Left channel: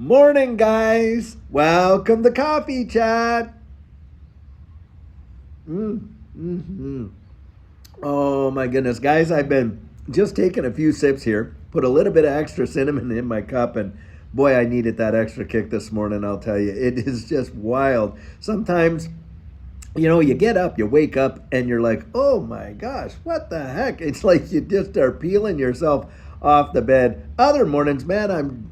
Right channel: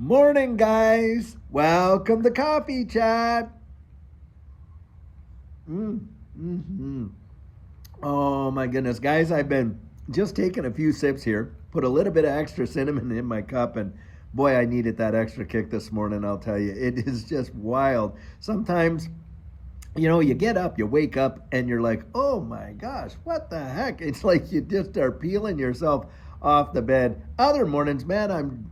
Morning, guys. Welcome to Coffee Chat. Mm-hmm. Oh, my goodness. Guys, I've been just taking a few sips here, put a little bit of extra cinnamon in my cup, and boy, I needed that extra kick this morning, I'll tell you. It is just wild. Sometimes you get up, you wake up, and you're like, oh my gosh, what the heck? It's like you just are peeling yourself off the bed. Other mornings, man, I'm,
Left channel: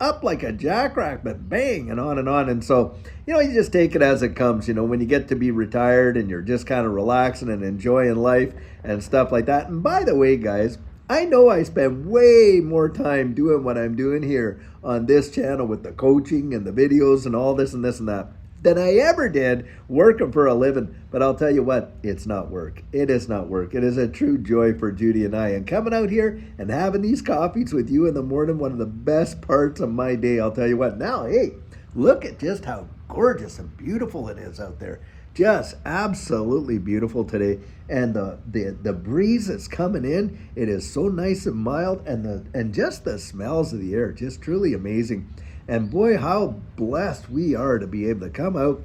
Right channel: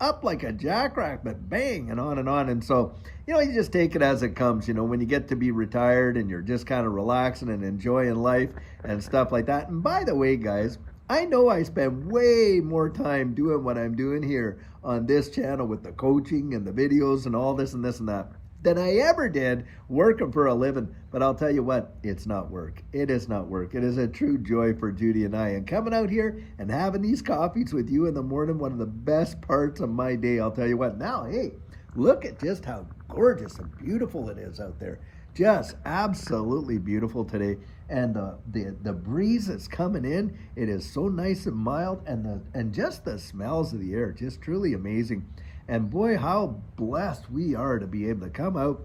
up like a jackrabbit, bang, and on and on. And so, you just take it as it comes, when you get to be retired and you're just kind of relaxing and enjoying life and stuff like that. And by the way, guys, I know I spend way more time doing what I'm doing here on this channel with the coaching and the videos and all this and this and that than I ever did working for a living. But I'll tell you what, it's not work. It is not work. It is a true joy for Judy and I. And coming out here and having these coffees with you in the morning, one of the best parts of my day, I'll tell you what. Now, hey, look at just how gorgeous and beautiful it is out there. Just absolutely beautiful today. And the breeze that's coming in, it is so nice and mild, and just the smells of the air, just truly amazing. And boy, how blessed we are to be able to come out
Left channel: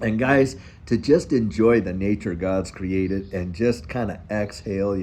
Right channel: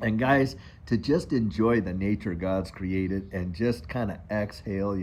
and, guys, to just enjoy the nature God's created and just kind of exhale,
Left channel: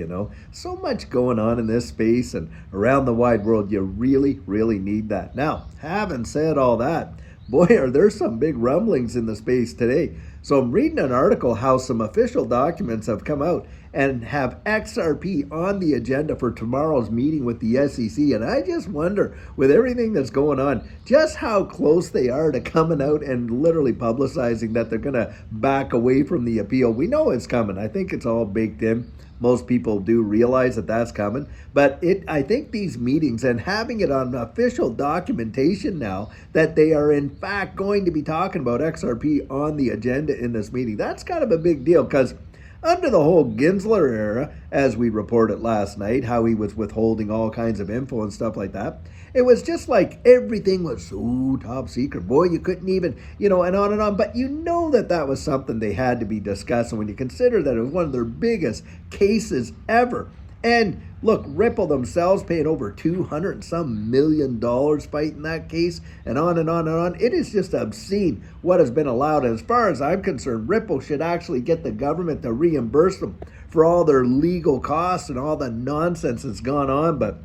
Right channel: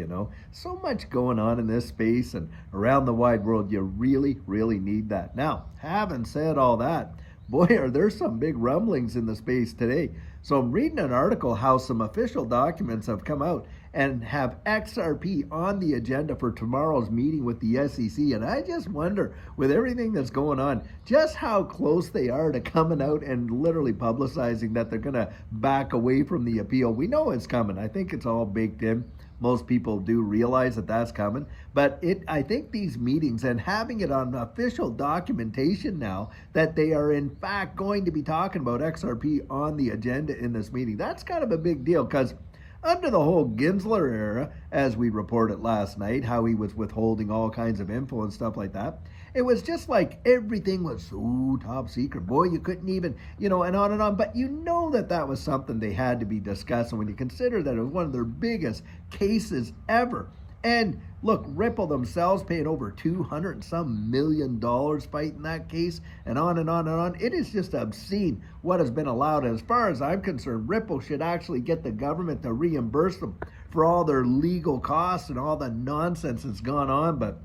So much going on in this space and around the wide world. You really, really need that. Now, having said all that, boy, are there some big rumblings in the space today. So I'm reading an article how some official documents have come out and have XRP on the agenda for tomorrow's meeting with the SEC. And I just wonder, with everything that's going on, just how close they are to coming out and literally publicizing that they're going to back away from the appeal. We know it's coming. I think it's all baked in. Most people do realize that that's coming. But I think these meetings and having it on official documentation now that they are in fact going to be talking about XRP on the agenda in this meeting, that's kind of a big deal, because under the whole Gensler era, as we reported last night, how he was withholding all kinds of info and stuff like that, it was just like everything was so top secret. Boy, you couldn't even, and on and on. But that was something they had to be discussing when you consider that it was one of their biggest cases ever. And look, Ripple themselves paying over $200 and some million fighting that case, and on and on and on. It is just obscene what has been allowed. And as far as I'm concerned, Ripple should actually get the government to reimburse them for all their legal costs and all the nonsense that's gone on.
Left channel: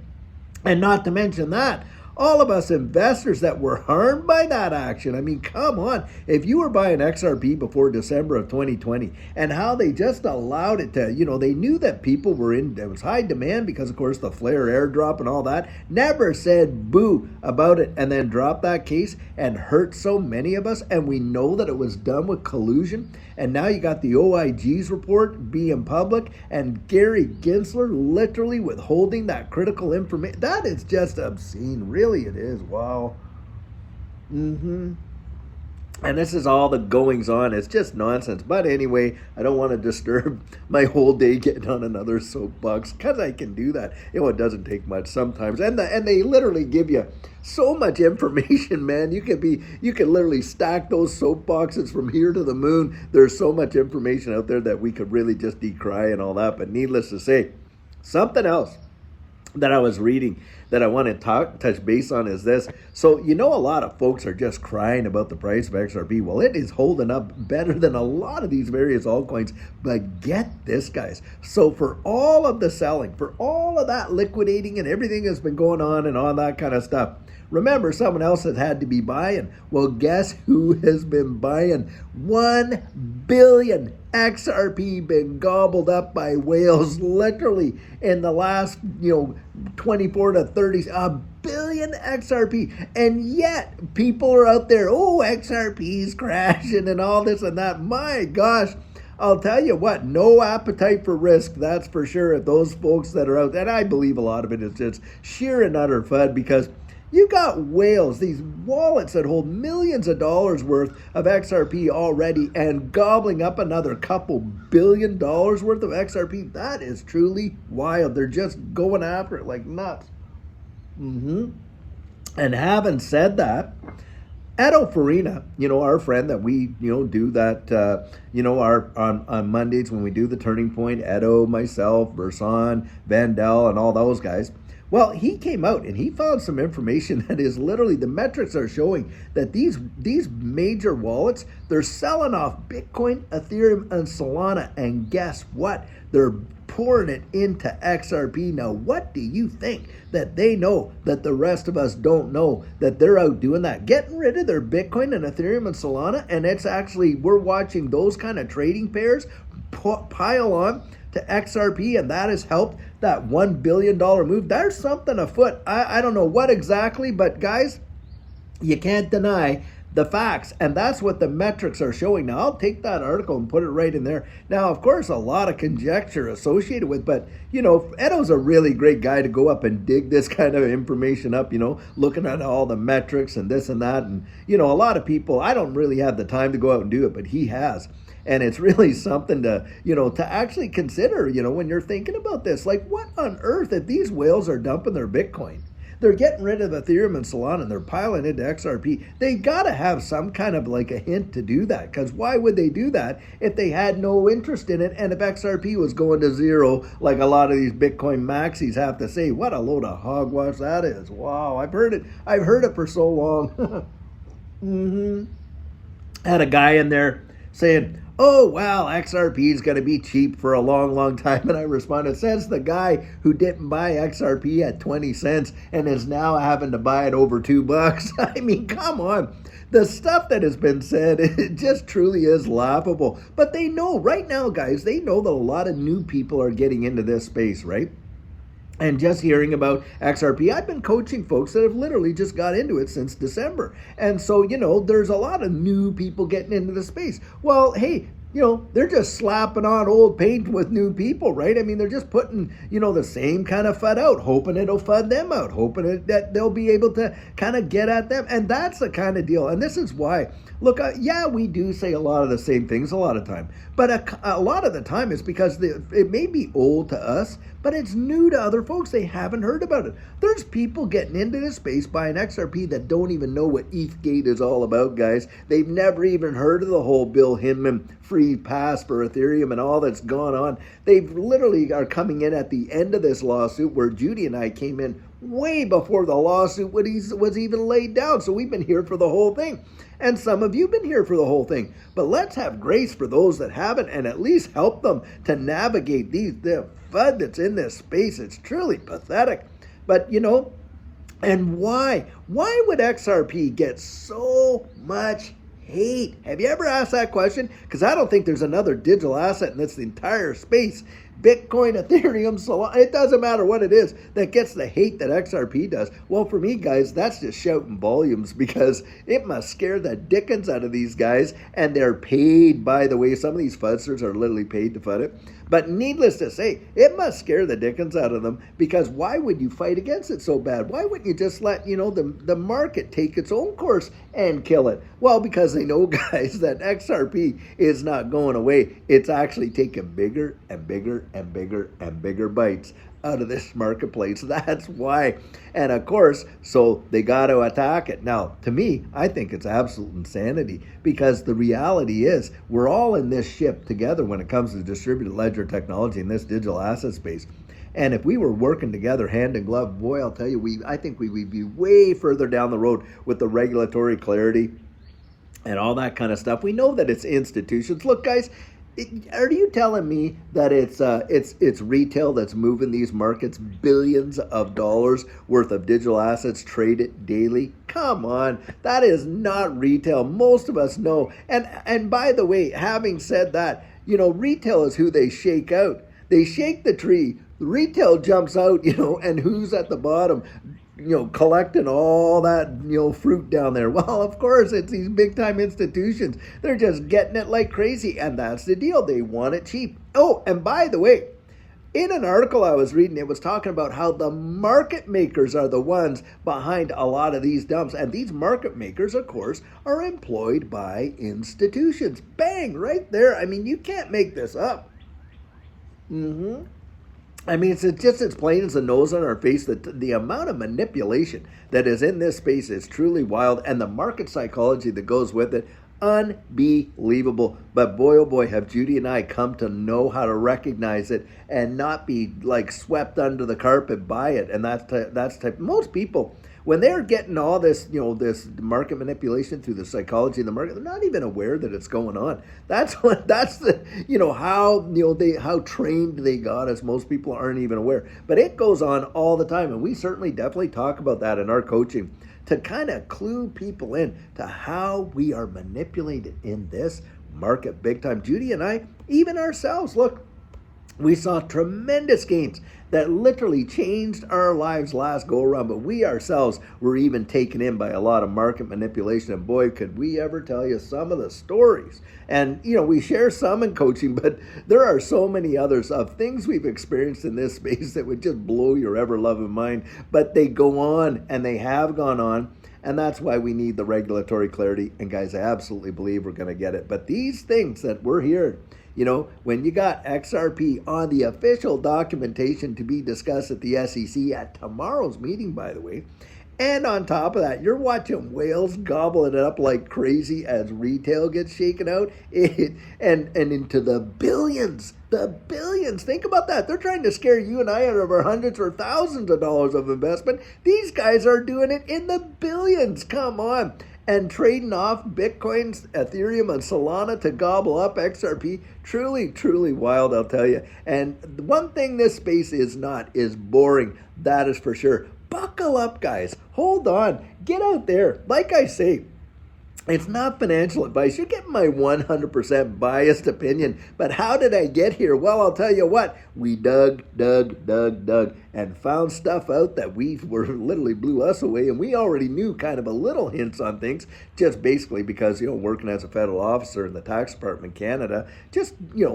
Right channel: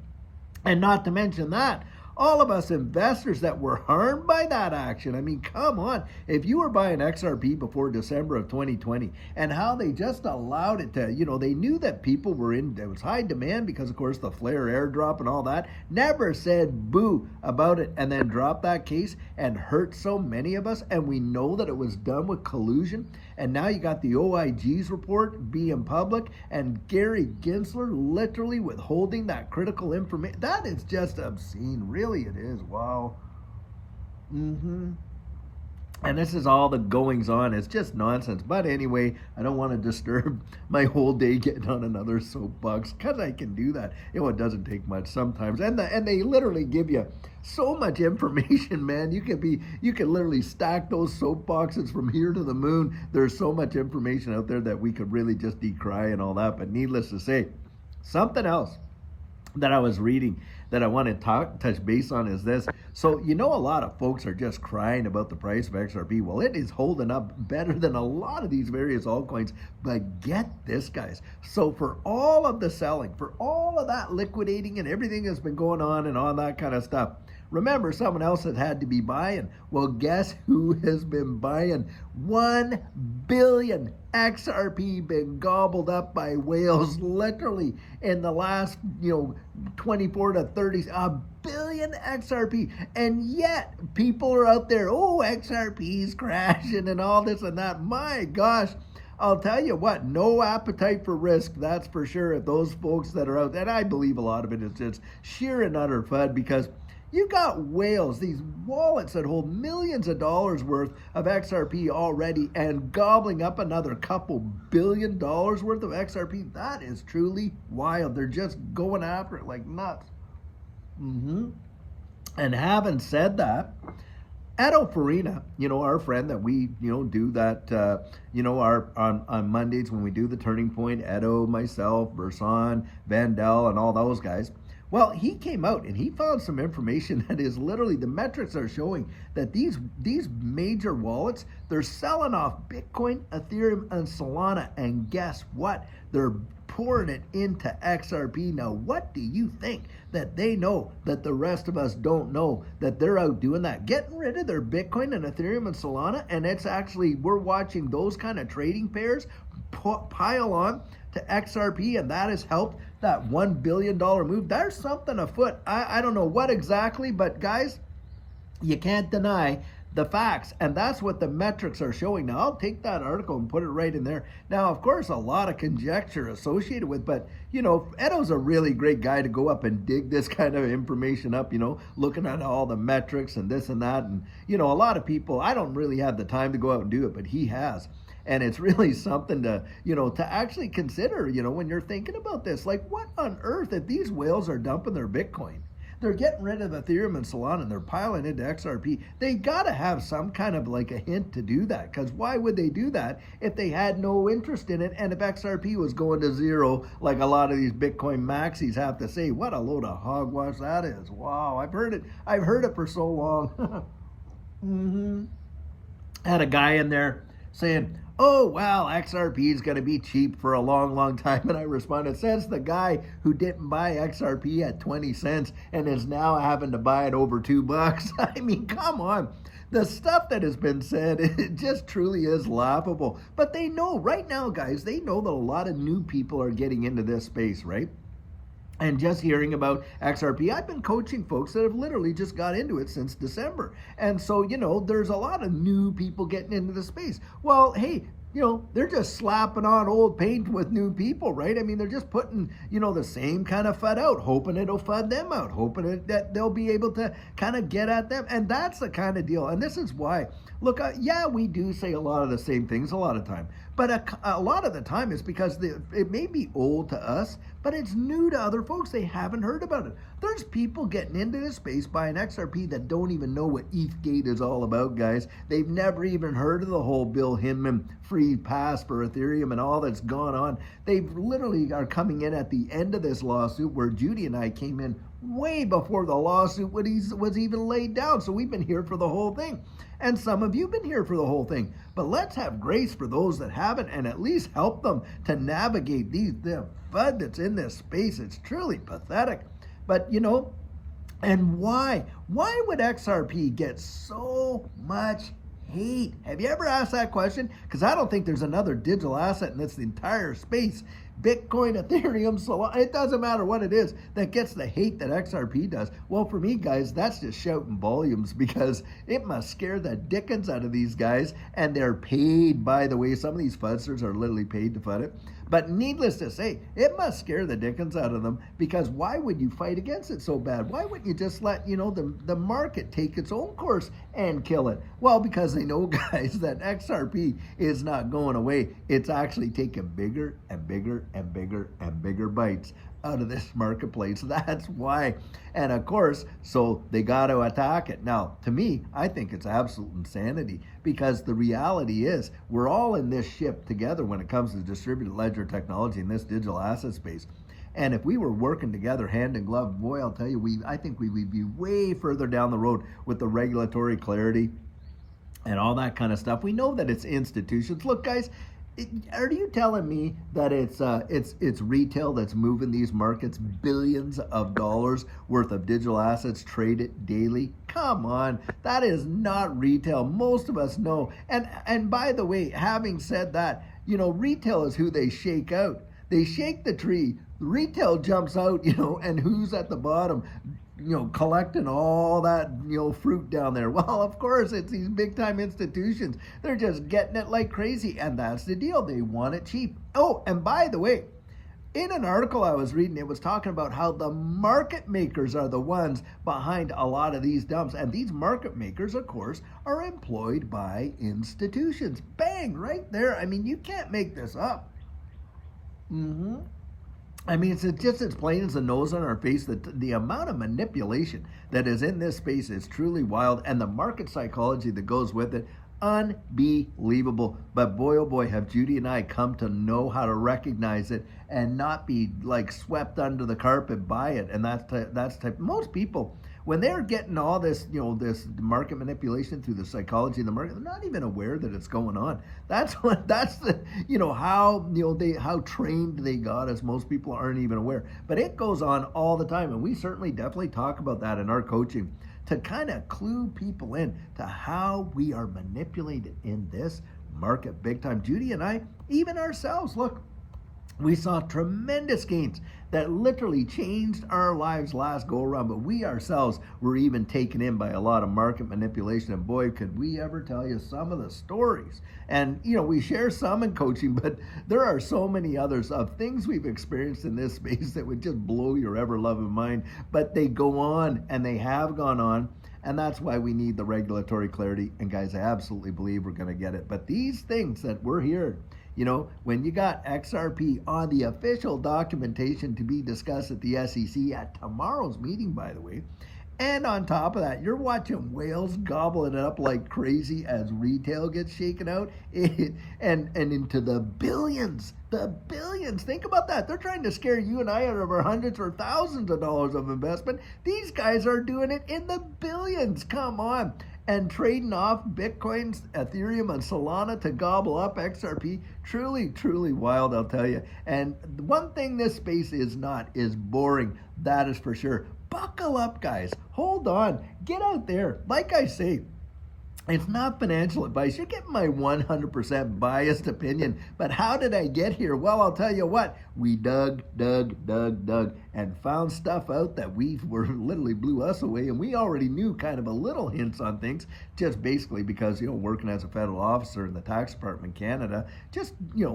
And not to mention that, all of us investors that were harmed by that action. I mean, come on. If you were buying XRP before December of 2020 and how they just allowed it to, they knew that people were there was high demand because, of course, the Flare airdrop and all that, never said boo about it, and then dropped that case and hurt so many of us. And we know that it was done with collusion. And now you got the OIG's report being public and Gary Gensler literally withholding that critical information. That is just obscene. Really, it is. Wow. And this is all the goings on. It's just nonsense. But anyway, I don't want to disturb my whole day getting on another soapbox, because I can do that. It doesn't take much sometimes. And they literally give you so much information, man. You can literally stack those soapboxes from here to the moon. There's so much information out there that we could really just decry and all that. But needless to say, something else that I was reading that I want to touch base on is this. So, a lot of folks are just crying about the price of XRP. Well, it is holding up better than a lot of these various altcoins. But get this, guys. So for all of the selling, for all of that liquidating and everything that's been going on and all that kind of stuff, remember, someone else has had to be buying. Well, guess who has been buying? 1 billion XRP been gobbled up by whales literally in the last, 24 to 30, a billion XRP. And yet people are out there, XRP's crashing and all this and that. My gosh. I'll tell you what, no appetite for risk, that's for sure, if those folks that are out, and I believe a lot of it is just sheer and utter FUD, because you got whales, these wallets that hold millions of dollars worth of XRP already, and gobbling up another couple $1 billion worth of XRP. That is truly wild. They're just going after it like nuts. And having said that, Edo Farina, our friend that we, do that, our on Mondays when we do the Turning Point, Edo, myself, Verson, Vandell, and all those guys. Well, he came out and he found some information that is literally, the metrics are showing that these major wallets, they're selling off Bitcoin, Ethereum, and Solana. And guess what? They're pouring it into XRP. Now, what do you think that they know that the rest of us don't know, that they're out doing that, getting rid of their Bitcoin and Ethereum and Solana? And it's actually, we're watching those kind of trading pairs pile on to XRP, and that has helped that $1 billion move. There's something afoot. I don't know what exactly, but guys, you can't deny the facts, and that's what the metrics are showing. Now, I'll take that article and put it right in there. Now, of course, a lot of conjecture associated with, but, you know, Edo's a really great guy to go up and dig this kind of information up, you know, looking at all the metrics and this and that. And, you know, a lot of people, I don't really have the time to go out and do it, but he has. And it's really something to, you know, to actually consider, you know, when you're thinking about this. Like, what on earth, if these whales are dumping their Bitcoin, they're getting rid of Ethereum and Solana, and they're piling into XRP, they got to have some kind of like a hint to do that. Because why would they do that if they had no interest in it? And if XRP was going to zero, like a lot of these Bitcoin maxis have to say, what a load of hogwash that is. Wow, I've heard it for so long. Had a guy in there saying, oh, well, XRP is going to be cheap for a long, long time. And I responded, says the guy who didn't buy XRP at 20 cents and is now having to buy it over $2. I mean, come on. The stuff that has been said, it just truly is laughable. But they know right now, guys, they know that a lot of new people are getting into this space, right? And just hearing about XRP, I've been coaching folks that have literally just got into it since December. And so, you know, there's a lot of new people getting into the space. Well, hey, you know, they're just slapping on old paint with new people, right? I mean, they're just putting, you know, the same kind of FUD out, hoping it'll FUD them out, hoping that they'll be able to kind of get at them. And that's the kind of deal. And this is why, look, yeah, we do say a lot of the same things a lot of time. But a lot of the time it's because it may be old to us, but it's new to other folks. They haven't heard about it. There's people getting into this space buying XRP that don't even know what ETH is all about, guys. They've never even heard of the whole Bill Hinman free pass for Ethereum and all that's gone on. They literally are coming in at the end of this lawsuit, where Judy and I came in way before the lawsuit was even laid down. So we've been here for the whole thing. And some of you have been here for the whole thing. But let's have grace for those that haven't, and at least help them to navigate the FUD that's in this space. It's truly pathetic. But, you know, and why? Why would XRP get so much hate? Have you ever asked that question? Because I don't think there's another digital asset in this entire space, Bitcoin, Ethereum, Solana, it doesn't matter what it is, that gets the hate that XRP does. Well, for me, guys, that's just shouting volumes, because it must scare the dickens out of these guys, and they're paid, by the way. Some of these fudsters are literally paid to FUD it. But needless to say, it must scare the dickens out of them, because why would you fight against it so bad? Why wouldn't you just let, you know, the market take its own course and kill it? Well, because they know, guys, that XRP is not going away. It's actually taking bigger and bigger and bigger and bigger bites out of this marketplace. That's why. And of course, so they got to attack it. Now, to me, I think it's absolute insanity, because the reality is we're all in this ship together when it comes to distributed ledger technology in this digital asset space. And if we were working together hand in glove, boy, I'll tell you, I think we would be way further down the road with the regulatory clarity and all that kind of stuff. We know that it's institutions. Look, guys, are you telling me that it's retail that's moving these markets, billions of dollars worth of digital assets traded daily? Come on, that is not retail. Most of us know. And by the way, having said that, you know, retail is who they shake out. They shake the tree, the retail jumps out, you know, and who's at the bottom? You know, collecting all that, you know, fruit down there. Well, of course, it's these big time institutions. They're just getting it like crazy, and that's the deal. They want it cheap. Oh, and by the way, in an article I was reading, it was talking about how the market makers are the ones behind a lot of these dumps. And these market makers, of course, are employed by institutions. Bang, right there. I mean, you can't make this up. I mean, it's just as plain as the nose on our face that the amount of manipulation that is in this space is truly wild, and the market psychology that goes with it, Unbelievable. But boy, oh boy, have Judy and I come to know how to recognize it and not be like swept under the carpet by it. And that's type. Most people, when they're getting all this, this market manipulation through the psychology of the market, they're not even aware that it's going on. That's the, how trained they got us. Most people aren't even aware, but it goes on all the time. And we certainly definitely talk about that in our coaching to kind of clue people in to how we are manipulated in this market big time. Judy and I, even ourselves, look, we saw tremendous gains that literally changed our lives last go around, but we ourselves were even taken in by a lot of market manipulation. And boy, could we ever tell you some of the stories. And, we share some in coaching, but there are so many others of things we've experienced in this space that would just blow your ever-loving mind. But they go on, and they have gone on. And that's why we need the regulatory clarity. And guys, I absolutely believe we're going to get it. But these things that we're hearing, when you got XRP on the official documentation to be discussed at the SEC at tomorrow's meeting, by the way, and on top of that, you're watching whales gobbling it up like crazy as retail gets shaken out and into the billions. The billions. Think about that. They're trying to scare you and I out of our hundreds or thousands of dollars of investment. These guys are doing it in the billions. Come on. And trading off Bitcoins, Ethereum, and Solana to gobble up XRP. Truly, truly wild, I'll tell you. And one thing this space is not is boring. That is for sure. Buckle up, guys. Hold on. Get out there. Like I say, it's not financial advice. You're getting my 100% biased opinion. But how did I get here? Well, I'll tell you what. We dug, and found stuff out that literally blew us away. And we already knew kind of a little hints on things, just basically because, working as a federal officer in the tax department in Canada, just,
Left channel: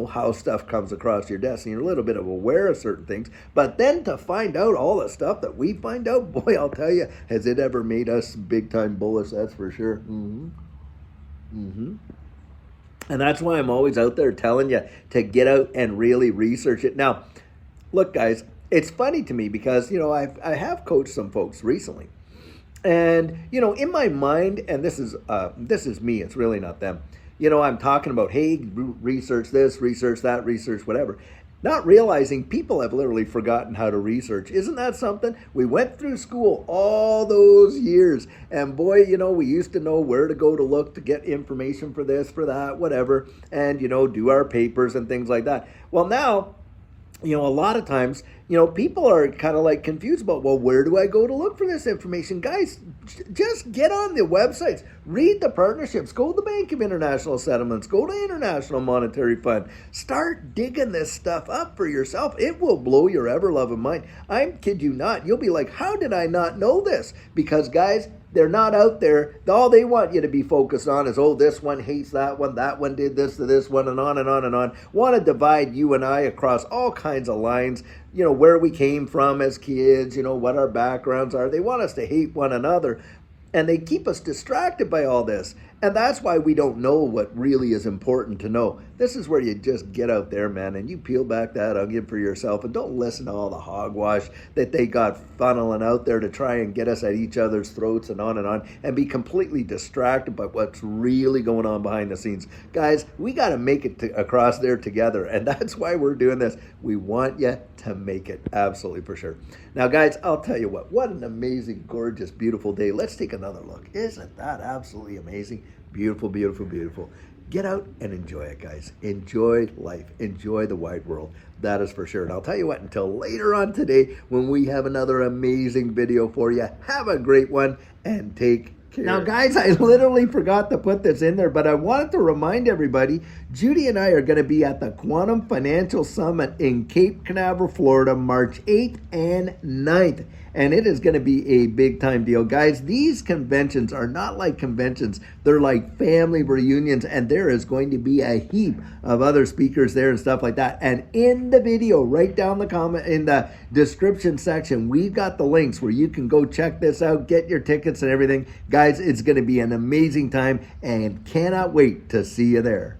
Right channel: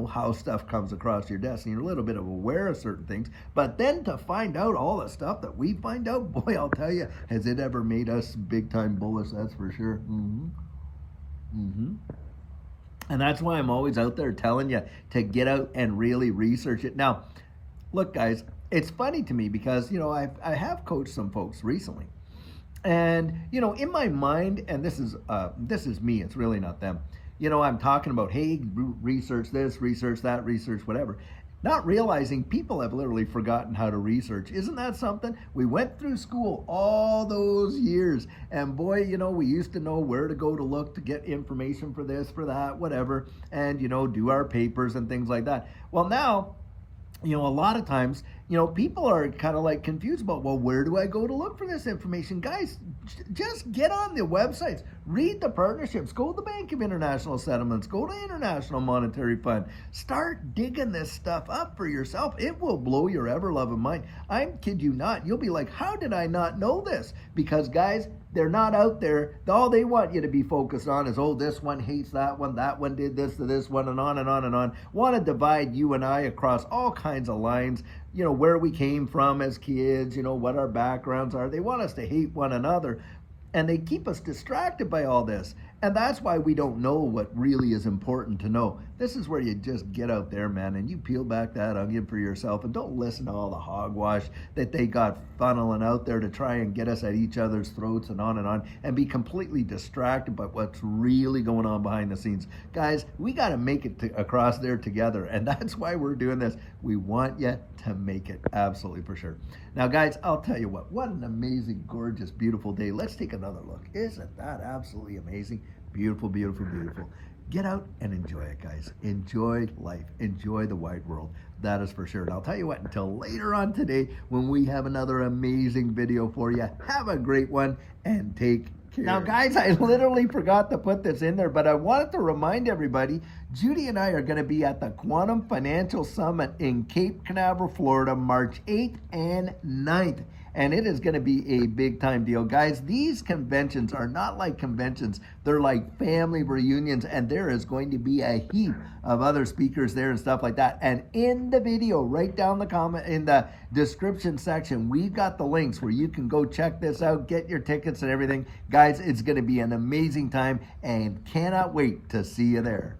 how stuff comes across your desk. And you're a little bit aware of certain things. But then to find out all the stuff that we find out, boy, I'll tell you, has it ever made us big time bullish? That's for sure. And that's why I'm always out there telling you to get out and really research it. Now, look, guys, it's funny to me because, I have coached some folks recently. And, in my mind, and this is me, it's really not them. I'm talking about, hey, research this, research that, research whatever. Not realizing people have literally forgotten how to research. Isn't that something? We went through school all those years. And boy, we used to know where to go to look to get information for this, for that, whatever. And, do our papers and things like that. Well, now, a lot of times, people are kind of like confused about, well, where do I go to look for this information? Guys, just get on the websites, read the partnerships, go to the Bank of International Settlements, go to International Monetary Fund, start digging this stuff up for yourself. It will blow your ever-loving mind. I kid you not. You'll be like, how did I not know this? Because guys, they're not out there. All they want you to be focused on is, oh, this one hates that one did this to this one, and on and on and on. Want to divide you and I across all kinds of lines, where we came from as kids, what our backgrounds are. They want us to hate one another. And they keep us distracted by all this. And that's why we don't know what really is important to know. This is where you just get out there, man, and you peel back that onion for yourself and don't listen to all the hogwash that they got funneling out there to try and get us at each other's throats and and be completely distracted by what's really going on behind the scenes. Guys, we got to make it across there together, and that's why we're doing this. We want you to make it, absolutely for sure. Now, guys, I'll tell you what an amazing, gorgeous, beautiful day. Let's take another look. Isn't that absolutely amazing? Beautiful, beautiful, beautiful. Get out and enjoy it, guys. Enjoy life. Enjoy the wide world. That is for sure. And I'll tell you what, until later on today, when we have another amazing video for you, have a great one and take care. Now, guys, I literally forgot to put this in there, but I wanted to remind everybody, Judy and I are going to be at the Quantum Financial Summit in Cape Canaveral, Florida, March 8th and 9th. And it is going to be a big time deal. Guys, these conventions are not like conventions. They're like family reunions, and there is going to be a heap of other speakers there and stuff like that. And in the video, right down the comment in the description section, we've got the links where you can go check this out, get your tickets and everything. Guys, it's going to be an amazing time and cannot wait to see you there.